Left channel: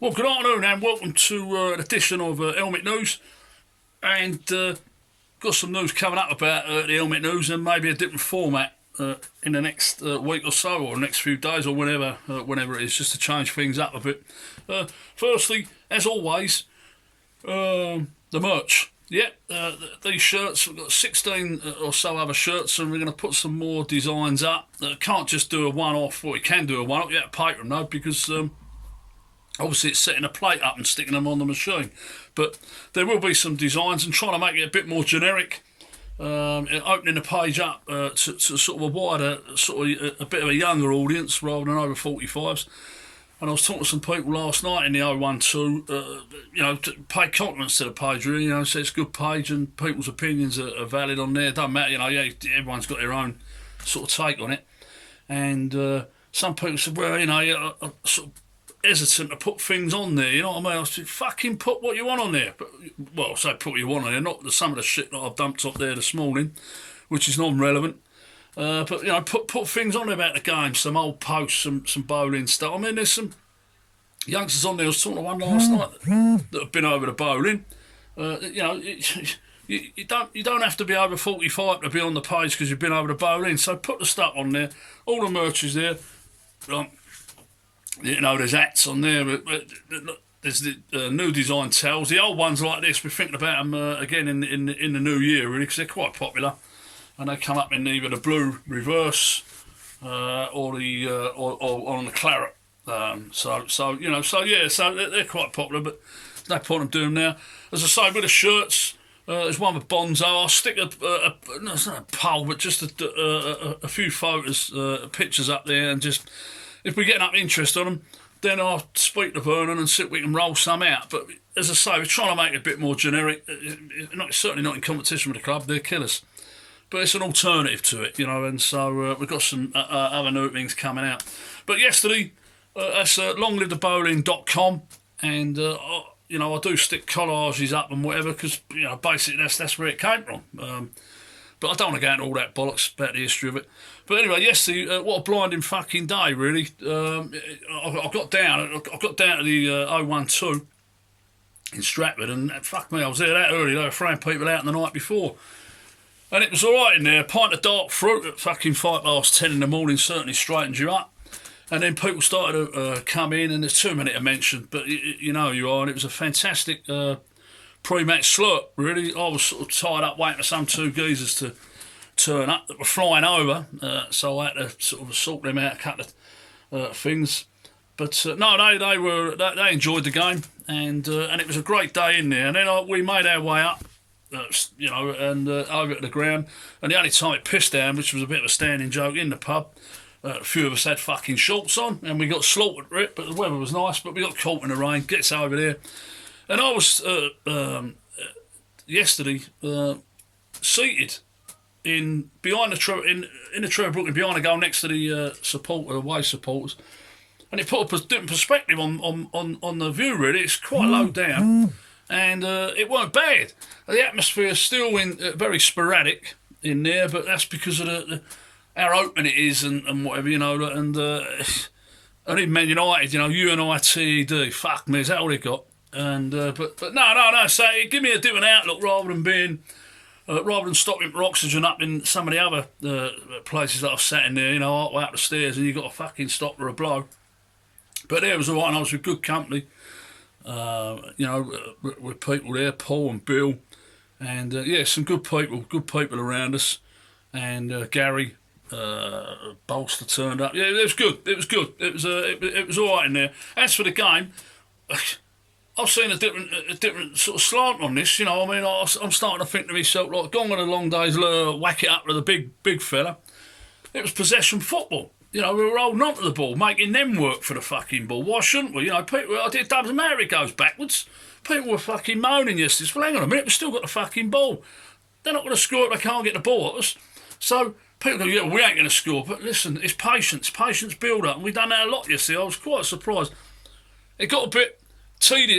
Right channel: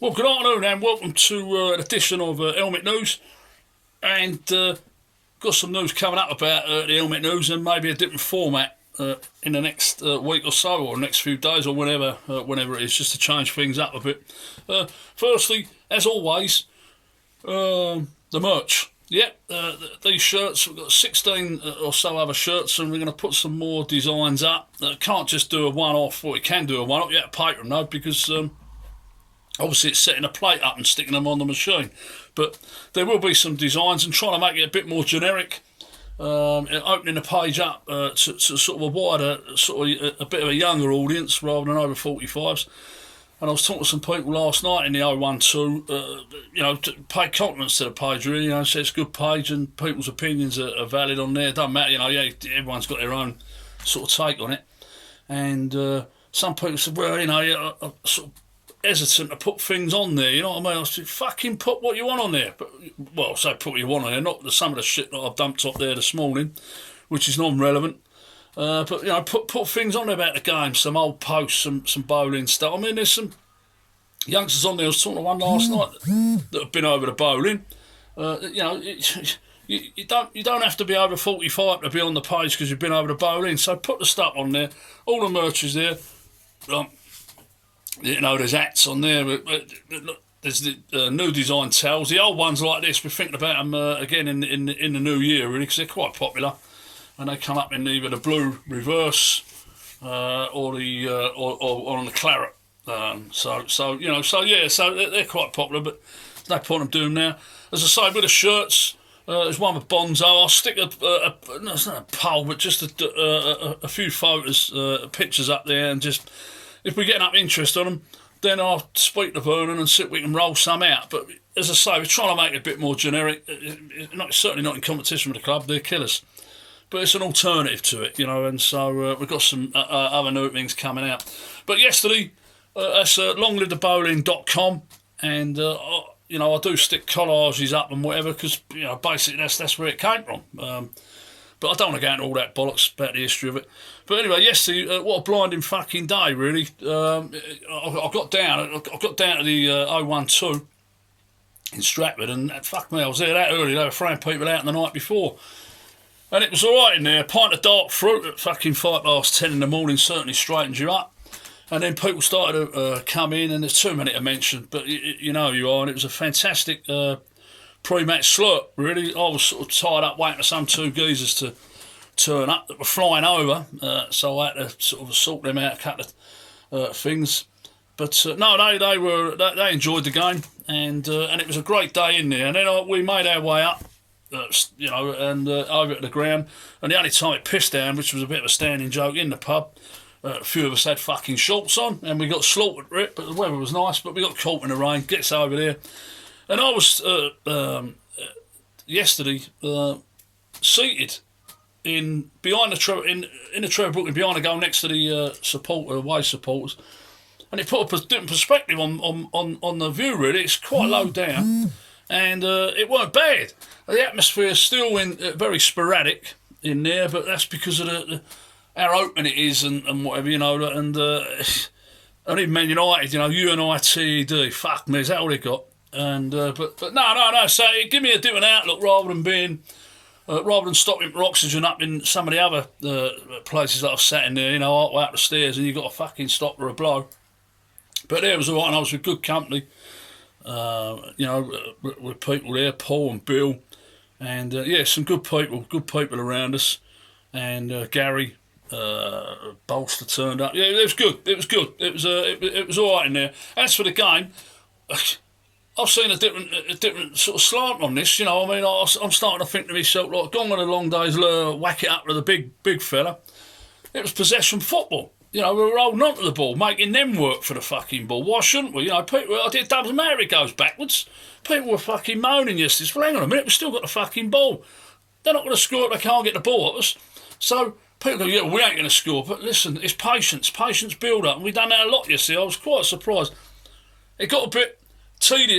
Well, good afternoon and welcome to an edition of Helmet News. And got some news coming up about the Helmet News and maybe a different format in the next week or so, or next few days, or whenever it is, just to change things up a bit. Firstly, as always, the merch. Yeah, these shirts, we've got 16 or so other shirts, and we're going to put some more designs up. Can't just do a one-off, or we can do a one-off, you have to pay them, though, because obviously it's setting a plate up and sticking them on the machine. But there will be some designs, and trying to make it a bit more generic, opening the page up to sort of a wider, sort of a bit of a younger audience rather than over 45s. And I was talking to some people last night in the 012, to pay compliments to the page, really, so it's a good page and people's opinions are valid on there. It doesn't matter, everyone's got their own sort of take on it. And some people said, well, I'm sort of hesitant to put things on there, you know what I mean? I said, fucking put what you want on there. But, well, I say put what you want on there, not some of the shit that I've dumped up there this morning, which is non-relevant. But put things on there about the game, some old posts, some bowling stuff. I mean, there's some youngsters on there. I was talking to one last night that have been over the bowling. You don't have to be over 45 to be on the page because you've been over the bowling. So put the stuff on there. All the merch is there. There's hats on there. There's the new design towels. The old ones like this, we're thinking about them again in the new year, really, because they're quite popular. And they come up in either the blue reverse or on the claret. So they're quite popular, but there's no point in doing them now. As I say, with the shirts, there's one with Bonzo. I'll stick it's not a poll, but just a few photos, pictures up there, and just if we get enough interest on them, then I'll speak to Vernon and see if we can roll some out. But as I say, we're trying to make it a bit more generic. Certainly not in competition with the club. They're killers. But it's an alternative to it, and so we've got some other new things coming out. But yesterday, that's longlivethebowling.com, and I do stick collages up and whatever, because basically that's where it came from. But I don't want to go into all that bollocks about the history of it. But anyway, yesterday, what a blinding fucking day, really. I got down to the 012 in Stratford, and fuck me, I was there that early. They were throwing people out the night before. And it was all right in there. A pint of dark fruit at fucking 10:05 in the morning certainly straightens you up. And then people started to come in, and there's too many to mention, but you know you are. And it was a fantastic pre-match slurp, really. I was sort of tied up waiting for some two geezers to turn up that were flying over, so I had to sort of sort them out, a couple of things. But no, they enjoyed the game, and it was a great day in there. And then we made our way up. And over at the ground, and the only time it pissed down, which was a bit of a standing joke in the pub, a few of us had fucking shorts on, and we got slaughtered for it, but the weather was nice, but we got caught in the rain, gets over there. And I was, yesterday, seated behind the Trevor Brooklyn, behind the goal next to the away supporters, and it put a different perspective on the view, really. It's quite low down, and it weren't bad. The atmosphere is still very sporadic in there, but that's because of how open it is and whatever, and even Man United, Lltb, fuck me, is that all they got? And but no, so it give me a different outlook rather than stopping for oxygen up in some of the other places that I've sat in there, way up the stairs, and you got to fucking stop for a blow. But there was all right, and I was with good company, with people there, Paul and Bill. And some good people around us, and Gary Bolster turned up. Yeah, it was good. It was all right in there. As for the game, I've seen a different sort of slant on this. I'm starting to think to myself, like, gone on a long day's whack it up to the big fella. It was possession football. We were holding on to the ball, making them work for the fucking ball. Why shouldn't we? It doesn't matter if it goes backwards. People were fucking moaning yesterday. Well, hang on a minute, we've still got the fucking ball. They're not going to score if they can't get the ball at us. So people go, yeah, we ain't going to score. But listen, it's patience build up. And we've done that a lot yesterday. I was quite surprised. It got a bit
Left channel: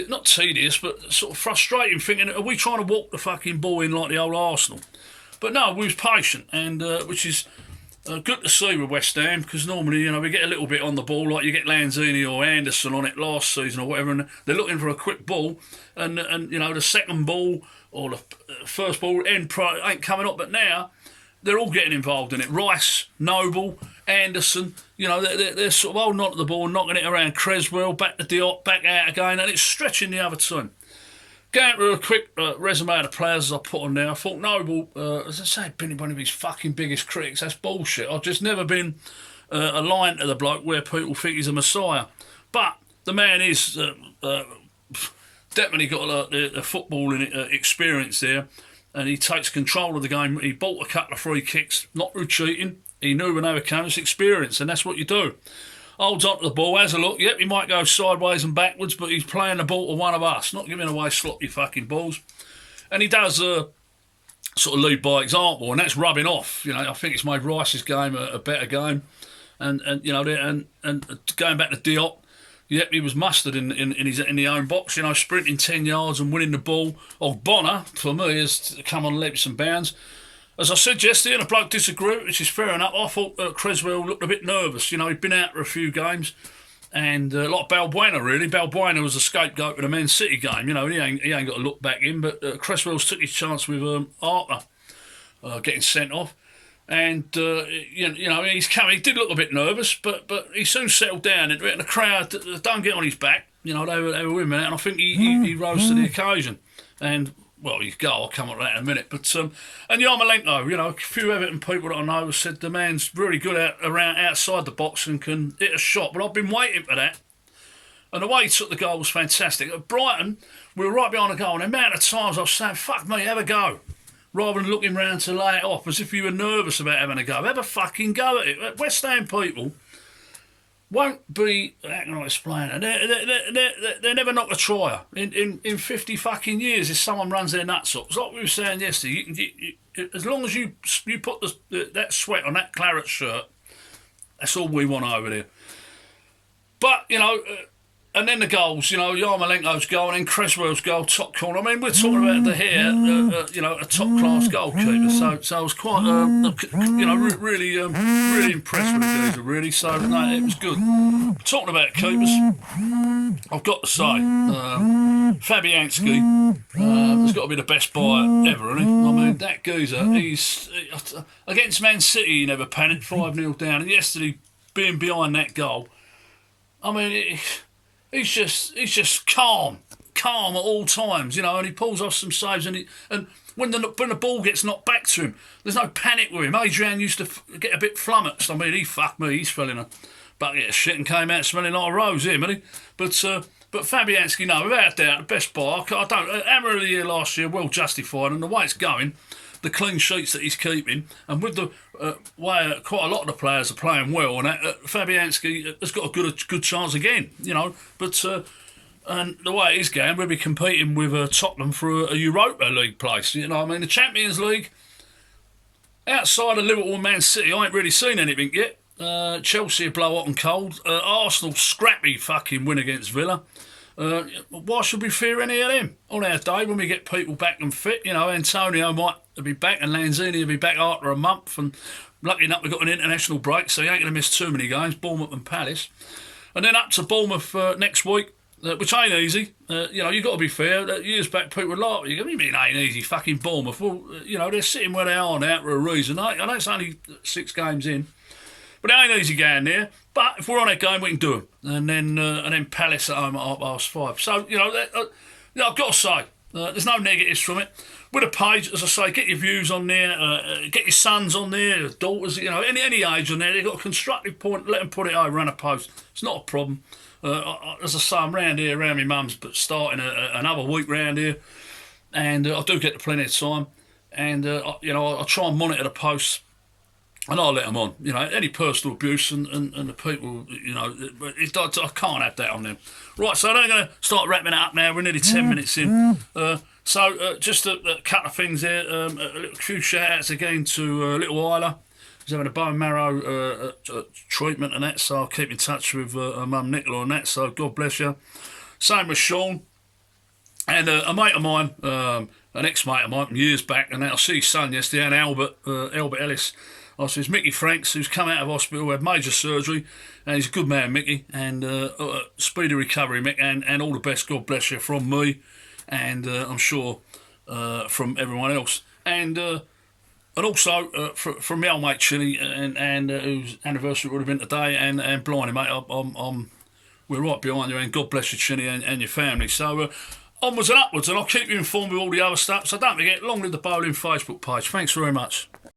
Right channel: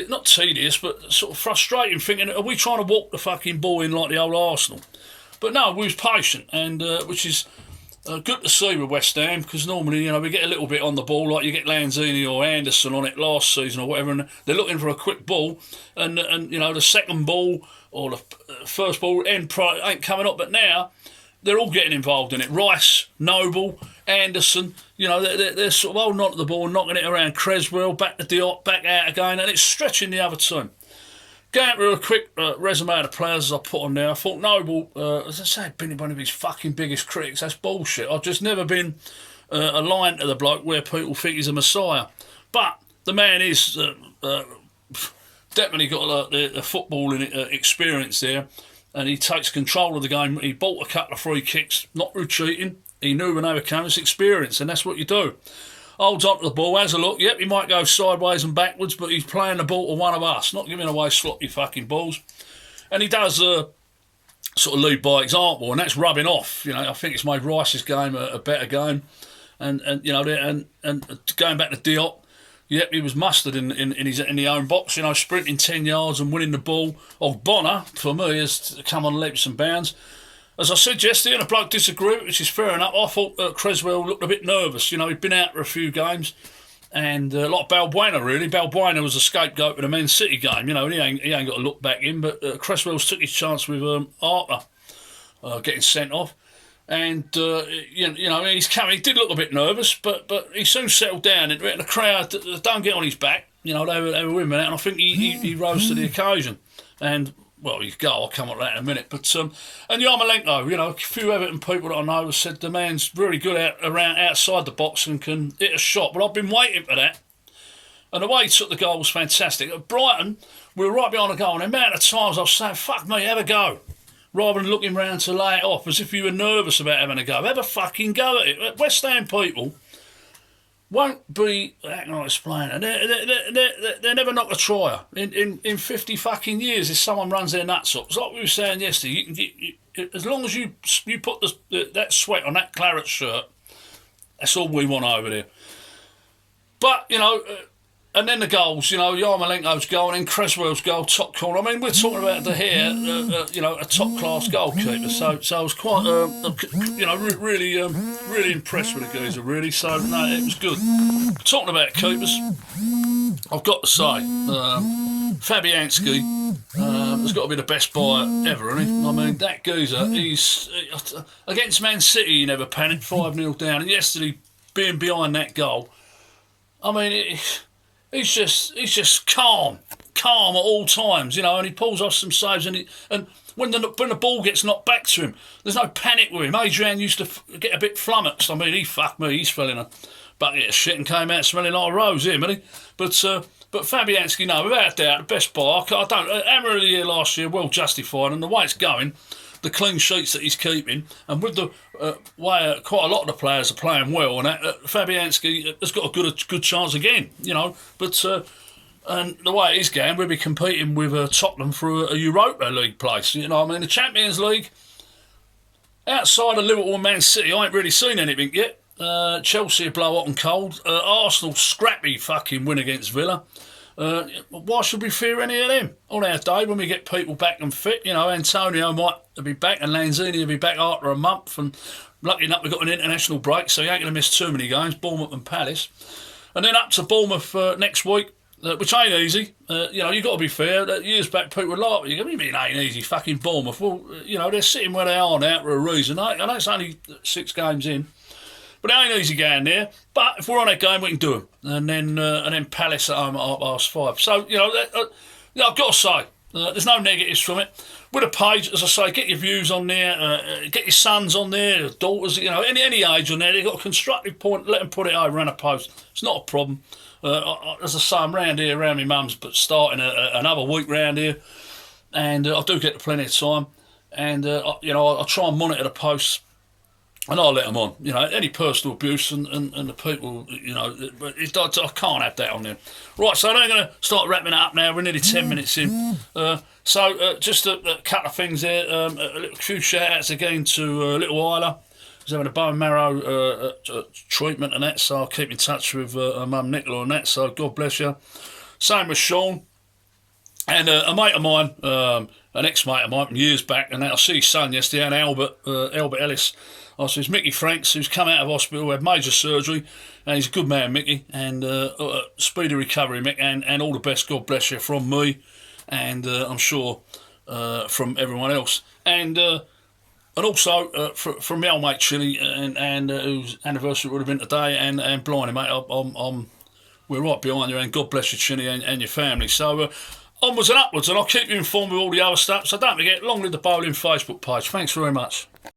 not tedious, but sort of frustrating, thinking, are we trying to walk the fucking ball in like the old Arsenal? But no, we was patient, and which is good to see with West Ham, because normally, you know, we get a little bit on the ball, like you get Lanzini or Anderson on it last season or whatever, and they're looking for a quick ball, and you know, the second ball or the first ball ain't coming up, but now they're all getting involved in it. Rice, Noble, Anderson, you know, they're sort of holding on to the ball, knocking it around. Creswell, back to Diop, back out again, and it's stretching the other team. Going through a quick resume of the players as I put on there, I thought Noble, as I say, been one of his fucking biggest critics. That's bullshit. I've just never been aligned to the bloke where people think he's a messiah. But the man is definitely got the footballing experience there, and he takes control of the game. He bought a couple of free kicks, not through cheating. He knew when they were coming. It's experience, and that's what you do. Holds on to the ball, has a look. Yep, he might go sideways and backwards, but he's playing the ball to one of us, not giving away sloppy fucking balls. And he does sort of lead by example, and that's rubbing off. You know, I think it's made Rice's game a better game, and you know, and going back to Diop. Yep, he was mustard in the own box, you know, sprinting 10 yards and winning the ball. Bonner, for me, has come on leaps and bounds. As I said yesterday, and a bloke disagreed, which is fair enough, I thought Creswell looked a bit nervous. You know, he'd been out for a few games, and a lot of Balbuena, really. Balbuena was a scapegoat for the Man City game, you know, and he ain't got to look back in, but Creswell's took his chance with Arthur getting sent off. And, you know, he's coming. He did look a bit nervous, but he soon settled down into it. And the crowd don't get on his back. You know, they were with him, and I think he rose to the occasion. And, well, you go, I'll come on to that in a minute. But, and Yarmolenko, you know, a few Everton people that I know have said the man's really good around outside the box and can hit a shot. But I've been waiting for that. And the way he took the goal was fantastic. At Brighton, we were right behind the goal, and the amount of times I was saying, fuck me, have a go. Rather than looking round to lay it off as if you were nervous about having a go. Have a fucking go at it. West Ham people won't be, how can I explain it? They're never not a trier. In 50 fucking years, if someone runs their nuts up, it's like we were saying yesterday, as long as you put that sweat on that claret shirt, that's all we want over there. But, you know, and then the goals, you know, Yarmolenko's goal and then Creswell's goal, top corner. I mean, we're talking about the hair, you know, a top-class goalkeeper. So I was quite, you know, really impressed with the geezer, really. So, no, it was good. Talking about keepers, I've got to say, Fabianski has got to be the best buyer ever, hasn't he? I mean, that geezer, he's against Man City, he never panicked, 5-0 down. And yesterday, being behind that goal, I mean, he's just calm at all times, you know, and he pulls off some saves, and when the ball gets knocked back to him, there's no panic with him. Adrian used to get a bit flummoxed. I mean, he's fell in a bucket of shit and came out smelling like a rose, him, hasn't he? But Fabianski, no, without doubt, the best buyer. Hammer of the year last year, well justified, and the way it's going, the clean sheets that he's keeping, and with the way quite a lot of the players are playing well, and Fabianski has got a good chance again, you know. But and the way it is going, we'll be competing with Tottenham for a Europa League place. You know, I mean, the Champions League, outside of Liverpool and Man City, I ain't really seen anything yet. Chelsea blow hot and cold. Arsenal scrappy fucking win against Villa. Why should we fear any of them? On our day, when we get people back and fit, you know, Antonio might be back and Lanzini will be back after a month, and lucky enough we've got an international break, so you ain't going to miss too many games, Bournemouth and Palace. And then up to Bournemouth next week, which ain't easy. You know, you've got to be fair. Years back, people were like, what do you mean ain't easy, fucking Bournemouth? Well, you know, they're sitting where they are now for a reason. I know it's only 6 games in, but it ain't easy going there. But if we're on that game, we can do them. And then Palace at home at 5:30. So, you know, I've got to say, there's no negatives from it. With a page, as I say, get your views on there, get your sons on there, daughters, you know, any age on there. They've got a constructive point, let them put it over on a post. It's not a problem. As I say, I'm round here, around my mum's, but starting another week round here. And I do get plenty of time. And, you know, I try and monitor the posts. And I'll let them on, you know, any personal abuse and the people, you know, I can't have that on them. Right, so I'm going to start wrapping it up now. We're nearly 10 minutes in. So just a couple of things there. A few shout-outs again to Little Isla. He's having a bone marrow treatment and that, so I'll keep in touch with her mum Nicola on that, so God bless you. Same with Sean. And a mate of mine, an ex-mate of mine from years back, and I see his son yesterday, and Albert Ellis. I says, Mickey Franks, who's come out of hospital, had major surgery, and he's a good man, Mickey, and speedy recovery, Mick, and all the best, God bless you, from me, and I'm sure from everyone else. And also from my old mate Chili, and whose anniversary would have been today, and blimey, mate, we're right behind you, and God bless you, Chili, and your family. So onwards and upwards, and I'll keep you informed with all the other stuff. So don't forget, Long Live the Bowling Facebook page. Thanks very much.